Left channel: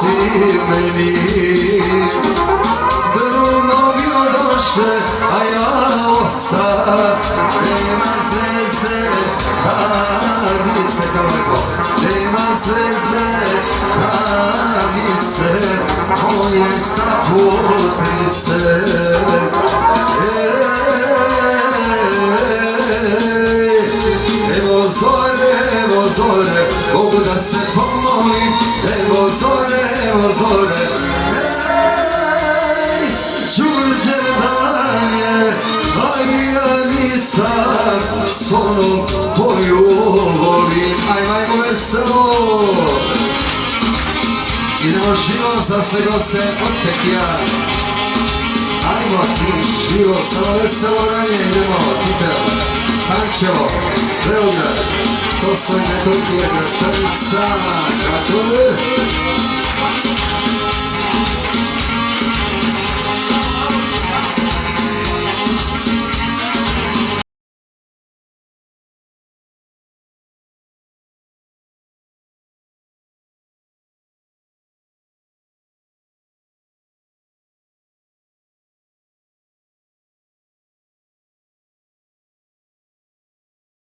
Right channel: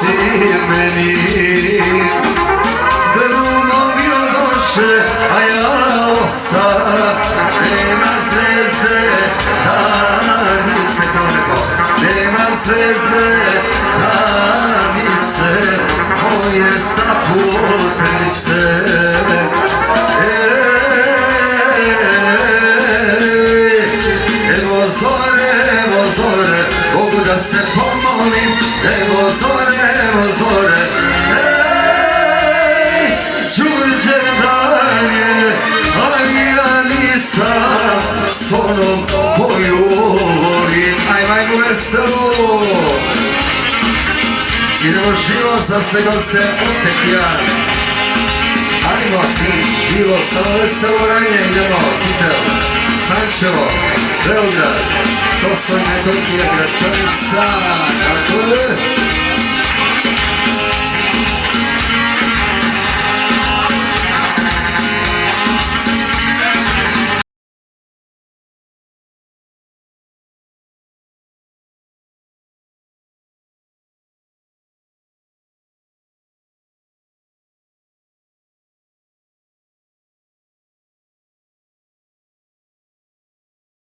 si meni. Drugovi odoše, a ja ostam. Nema zvezde, danice, kao neko. Nema zvezde, danice, moje saputnice. Evo zore, Bogu da se pomolim. Evo zore, Đurđevdan je, ali ja nisam s onom koju volim. Ajmo veselo. Idemo živo sa sve goste od Petrijana. Ajmo ti živo, samo veselo ranje, idemo, Titel, Pančevo, Beograd, Kosovina, Turkija, Gračanica, kako je?